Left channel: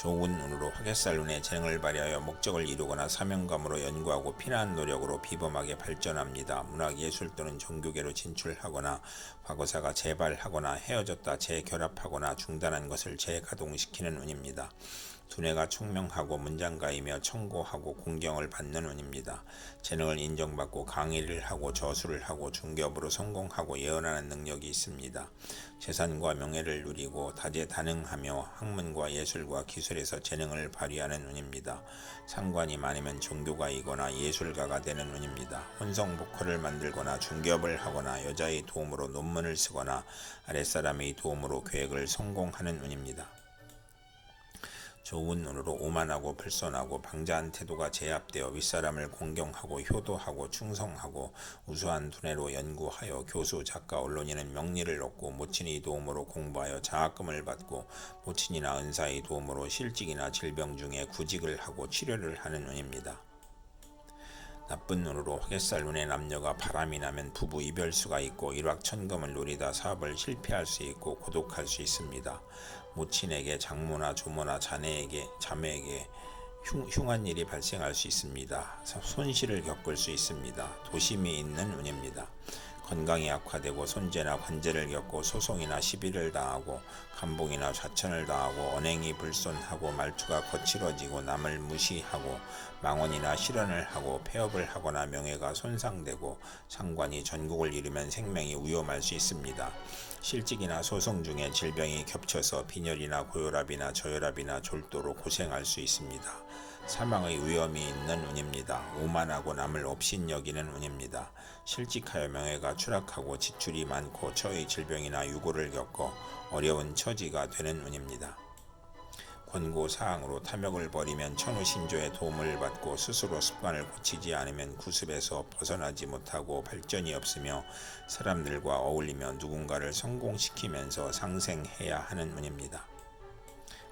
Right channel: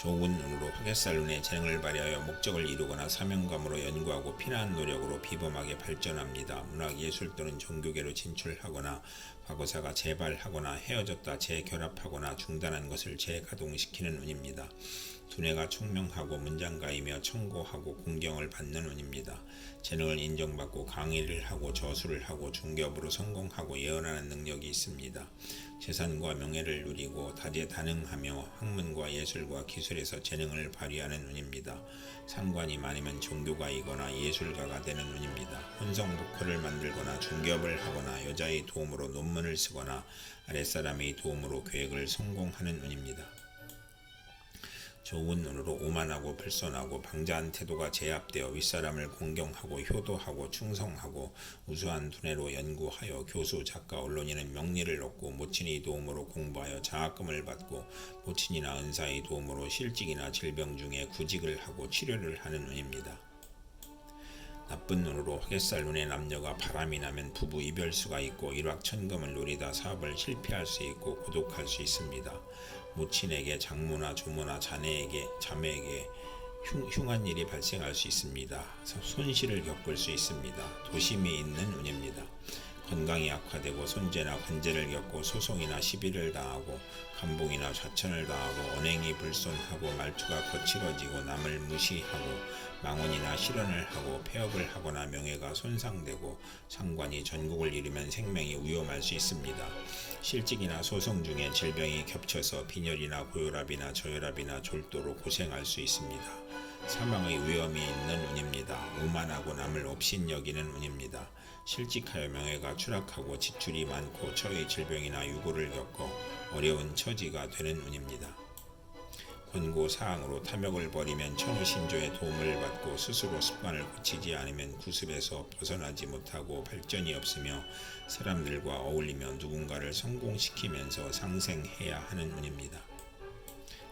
좋은 눈으로 눈의 재능을 발휘하여 목적을 이루거나 사명감으로 연구하고 피난 노력으로 비범하게 발전합니다. 문학 예술 또는 종교계로 진출하거나 과거사가 재발하거나 헤어졌다 재결합하거나 중단한 것을 재가동시키는 운입니다. 두뇌가 총명하고 문장가이며 청고하고 공경을 받는 운입니다. 재능을 인정받고 강의를 하고 저술을 하고 중개업으로 성공하고 예언하는 능력이 있습니다. 재산과 명예를 누리고 다재다능하며 학문과 예술과 기술에서 재능을 발휘하는 운입니다. 상관이 많으면 종교가이거나 예술가가 되는 운입니다. 혼성 보컬을 만들거나 중개업을 하거나 여자의 도움으로 논문을 쓰거나 아랫사람의 도움으로 계획을 성공하는 운입니다. 좋은 눈으로 오만하고 불손하고 방자한 태도가 제압되어 윗사람을 공경하고 효도하고 충성하고 우수한 두뇌로 연구하여 교수, 작가, 언론인은 명리를 얻고 모친의 도움으로 공부하여 장학금을 받고 모친이나 은사의 도움으로 실직이나 질병 중에 구직을 하고 치료를 하는 운입니다. 나쁜 눈으로 화개살 눈의 남녀가 바람이 나면 부부 이별수가 있고 일확천금을 노리다 사업을 실패할 수 있고 고독할 수 있습니다. 모친에게 장모나 조모나 자네에게 자매에게 흉, 흉한 일이 발생할 수 있습니다. 손실을 겪을 수 있습니다. 도심이 있는 운입니다. 건강이 악화되고 손재나 관제를 겪고 소송이나 시비를 당하고 감봉이나 좌천을 당하고 언행이 불손하고 말투가 거칠어지고 남을 무시하고 망언이나 실언을 하고 폐업을 하거나 명예가 손상되고 상관이 전국을 잃으면 생명이 위험할 수 있습니다. 실직이나 소송 중에 질병이 겹쳐서 빈혈이나 고혈압이나 저혈압이나 졸도로 고생할 수 있습니다. 사망의 위험이 있는 운입니다. 오만하고 남을 업신여기는 운입니다. 실직하여 명예가 추락하고 지출이 많고 처의 질병이나 유고를 겪어 어려운 처지가 되는 운입니다. 권고 사항으로 탐욕을 버리면 천우신조의 도움을 받고 스스로 습관을 고치지 않으면 구습에서 벗어나지 못하고 발전이 없으며 사람들과 어울리며 누군가를 성공시키면서 상생해야 하는 운입니다.